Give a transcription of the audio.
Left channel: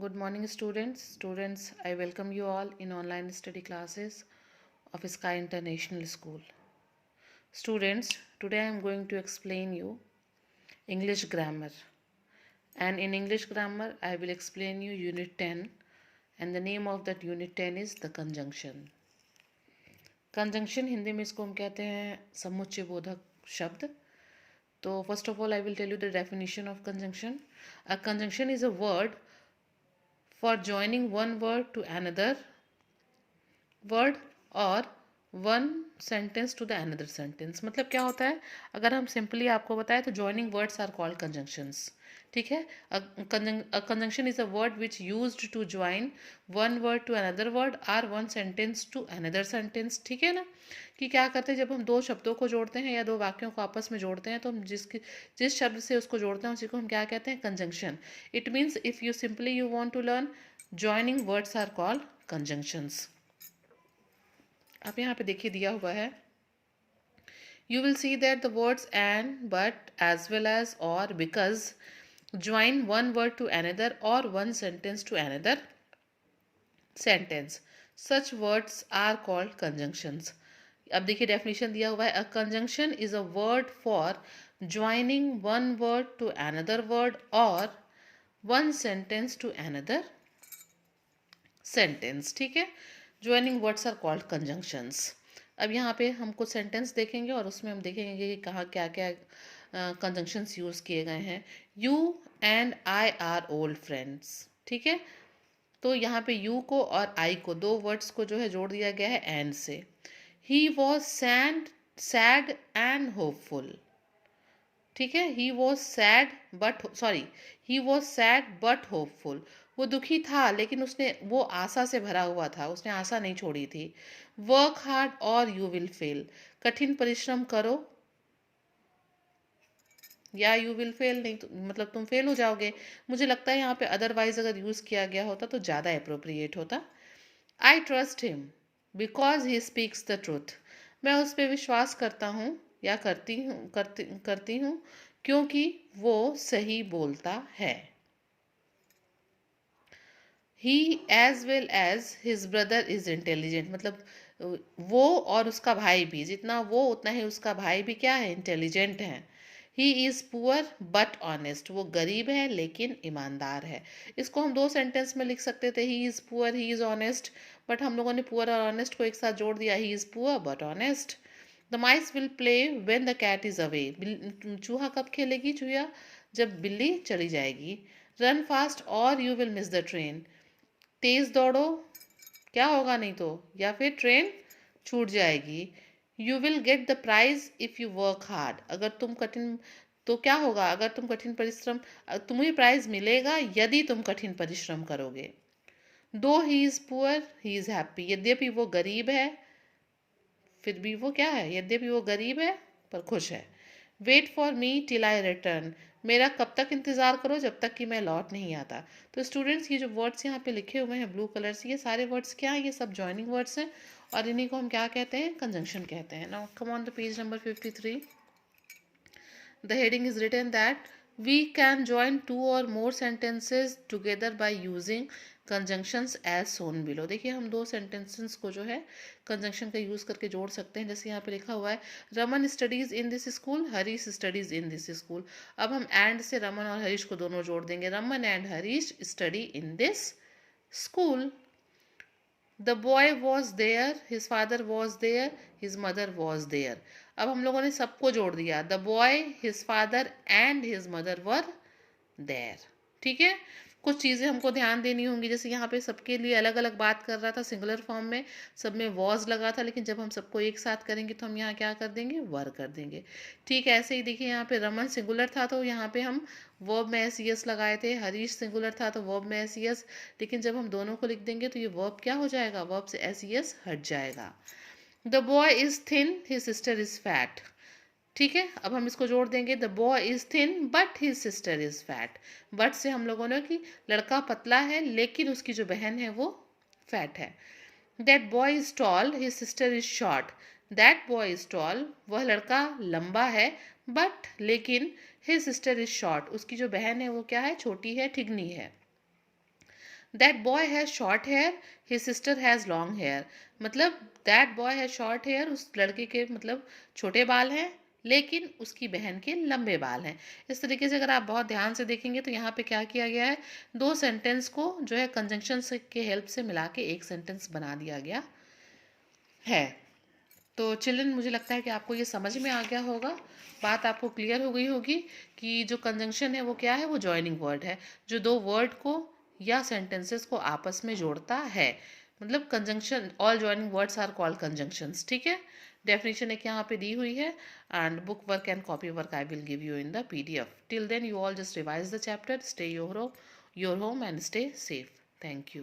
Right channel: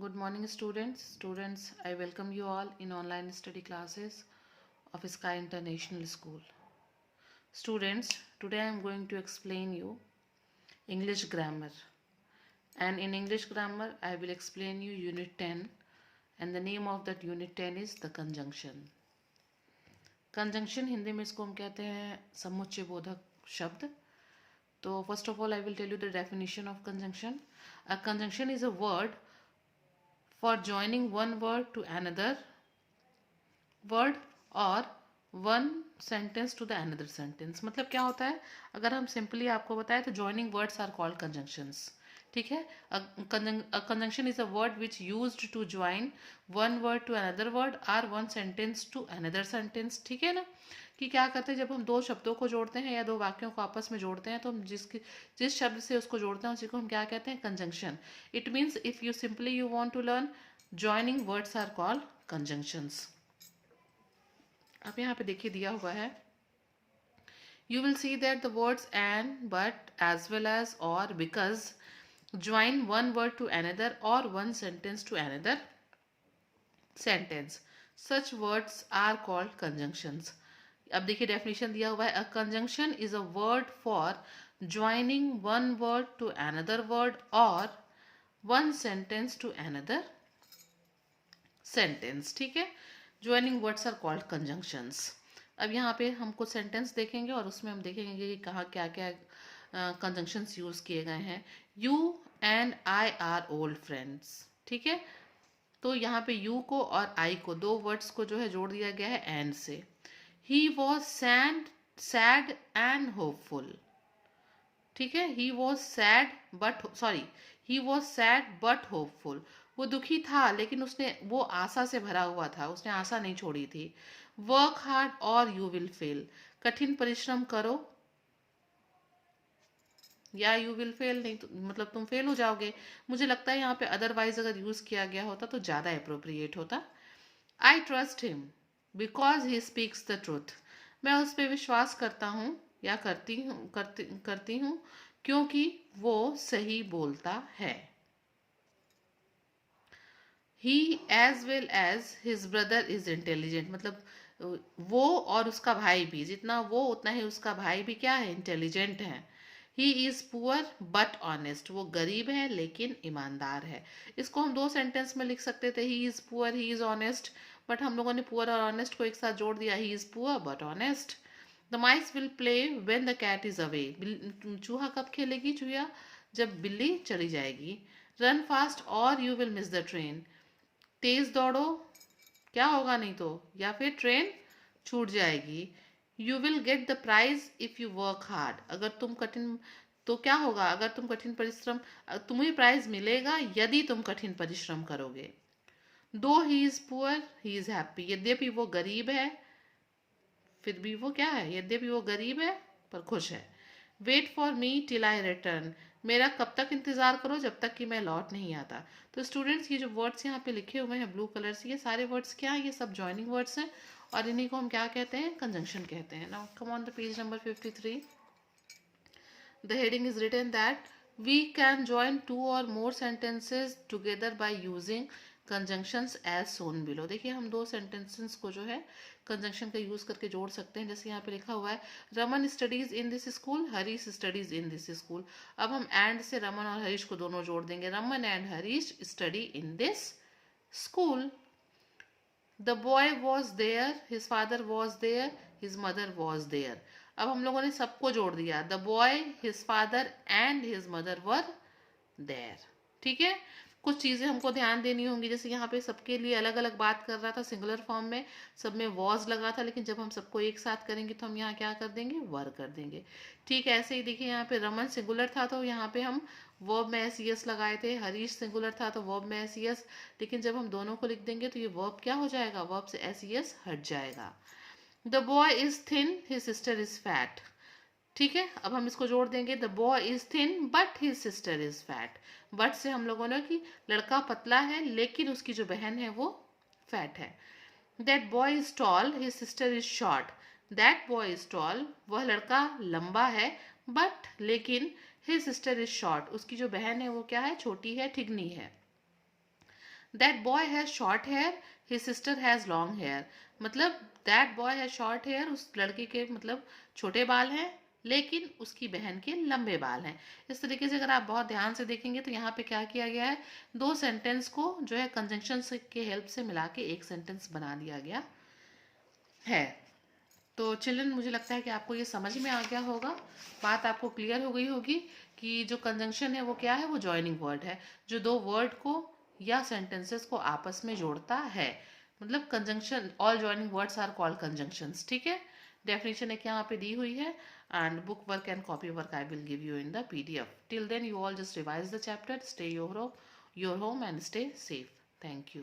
Good morning, students. Students, I welcome you all in online study classes of Sky International School. Students, today I am going to explain you English grammar. And in English grammar, I will explain you Unit 10. And the name of that Unit 10 is the conjunction. Conjunction Hindi में इसको हम कहते हैं समुच्चय बोधक शब्द. तो first of all, I will tell you the definition of conjunction. A conjunction is a word for joining one word to another word or one sentence to the another sentence. मतलब क्या होता है, अगर हम सिंपली आपको बताएं तो joining words are called conjunctions. ठीक है. A conjunction is a word which used to join one word to another word or one sentence to another sentence. ठीक है ना, कि क्या करते हैं जब हम दो शब्दों को जोड़ते हैं या दो वाक्यों को आपस में जोड़ते हैं तो हम जिस शब्द से उसको जोड़ते हैं उसी को हम क्या कहते हैं, conjunction. It means if you simply you want to learn joining words are called conjunctions. अब यहाँ पे देखिए दिया हुआ है, you will see that the words and, but, as well as, और, because join one word to another or one sentence to another sentence. Such words are called conjunctions. अब देखिए डेफिनेशन दिया हुआ है, a conjunction is a word for joining one word to another word or one sentence to another sentence. ठीक है, joining words are called conjunctions. अब यहाँ पे हम कुछ सेंटेंस देखेंगे और उसमें हम देखेंगे कि कहाँ क्या क्या कंजंक्शंस यूज किए गए हैं. You and I R old friends. ठीक है, तो यहाँ पे यू को और आई को, दो वर्ड्स को जो है जोड़ दिया गया है एंड से. He was sad and hopeful. ठीक है, he was sad but hopeful. वो दुखी था लेकिन वो आशा से भरा हुआ था, उसने आशा नहीं छोड़ी थी. वर्क हार्ड और यू विल फेल. कठिन परिश्रम करो या यू विल फेल, नहीं तो मतलब तुम फेल हो जाओगे. मुझे लगता है यहाँ पे अदरवाइज अगर यूज किया गया होता तो ज्यादा अप्रोप्रिएट होता. I trust him because he speaks the truth. मैं उस पर विश्वास करता हूँ या करती हूँ क्योंकि वो सही बोलता है. He as well as his brother is intelligent. मतलब वो और उसका भाई भी, जितना वो उतना ही उसका भाई भी क्या है, इंटेलिजेंट है. ही इज पुअर बट ऑनेस्ट. वो गरीब है लेकिन ईमानदार है. इसको हम दो सेंटेंस में लिख सकते थे, ही is poor, he is honest, but हम लोगों ने पुअर और ऑनेस्ट को एक साथ जोड़ दिया, he is poor but honest. The mice will play when the cat is away. चूहा कब खेलेगी, चूहा जब बिल्ली चली जाएगी. Run fast or you will miss the train. तेज दौड़ो, क्या होगा नहीं तो, या फिर ट्रेन छूट जाएगी. You will get the prize if you work hard. अगर तुम कठिन, तो क्या होगा, अगर तुम कठिन परिश्रम, तुम्हें प्राइज मिलेगा यदि तुम कठिन परिश्रम करोगे. दो ही is poor he is happy. यद्यपि वो गरीब है, फिर भी वो क्या है, यद्यपि वो गरीब है पर खुश है. Wait for me till I return. मेरा कब तक इंतजार करो, जब तक कि मैं लौट नहीं आता. तो स्टूडेंट्स, ये जो वर्ड्स यहाँ पे लिखे हुए हैं ब्लू कलर से, ये सारे वर्ड्स क्या है, ये सब जॉइनिंग वर्ड्स हैं और इन्हीं को हम क्या कहते हैं, कंजंक्शन कहते हैं. Now come on the page number 53. The heading is written that we can join two or more sentences together by using conjunctions as shown below. देखिए हम दो sentences को जो है कंजंक्शन का यूज करके जोड़ सकते हैं. जैसे यहाँ पे लिखा हुआ है, Raman studies in this school, Harish studies in this school. अब हम एंड से रमन और हरीश को दोनों जोड़ देंगे, Raman and Harish study in this school. The boy was there, his father was there, his mother was there. अब हम लोगों ने सबको जोड़ दिया, the boy, his father and his mother were there. ठीक है, कुछ चीज़ें हमको ध्यान देनी होंगी. जैसे यहाँ पे सबके लिए अलग अलग बात कर रहा था सिंगुलर फॉर्म में, सब में वॉज लगा था, लेकिन जब हम सबको एक साथ करेंगे तो हम यहाँ क्या कर देंगे, वर कर देंगे. ठीक है, ऐसे ही देखिए यहाँ पे रमन सिंगुलर था तो यहाँ पे हम वर्ब में एस यस लगाए थे. हरीश सिंगुलर था तो वर्ब में एस यस, लेकिन जब हम दोनों को लिख देंगे तो ये वर्ब क्या हो जाएगा, वर्ब से एस यस हट जाएगा. The boy is thin, his sister is fat. ठीक है, अब हम इसको जोड़ देंगे, the boy is thin but his sister is fat. But से हम लोगों ने कि लड़का पतला है लेकिन उसकी जो बहन है वो फैट है. That boy is tall, his sister is short. That boy is tall, वह लड़का लंबा है, बट लेकिन हिज सिस्टर इज शॉर्ट, उसकी जो बहन है वो क्या है, छोटी है, ठिगनी है. That boy has short hair, his sister has long hair. मतलब that boy has short hair, उस लड़के के मतलब छोटे बाल हैं, लेकिन उसकी बहन के लंबे बाल हैं। इस तरीके से अगर आप बहुत ध्यान से देखेंगे तो यहाँ पे क्या किया गया है, दो सेंटेंस को जो है कंजंक्शन से के हेल्प से मिला के एक सेंटेंस बना दिया गया है। तो चिल्ड्रन, मुझे लगता है कि आपको ये समझ में आ गया होगा, बात आपको क्लियर हो गई होगी कि जो कंजंक्शन है वो क्या है, वो जॉइनिंग वर्ड है जो दो वर्ड को या सेंटेंसेस को आपस में जोड़ता है। मतलब conjunction, all joining words are called conjunctions. ठीक है, डेफिनेशन एक यहाँ पे दी हुई है, and book work and copy work I will give you in the PDF। Till then you all just revise the chapter, stay your home and stay safe. Thank you.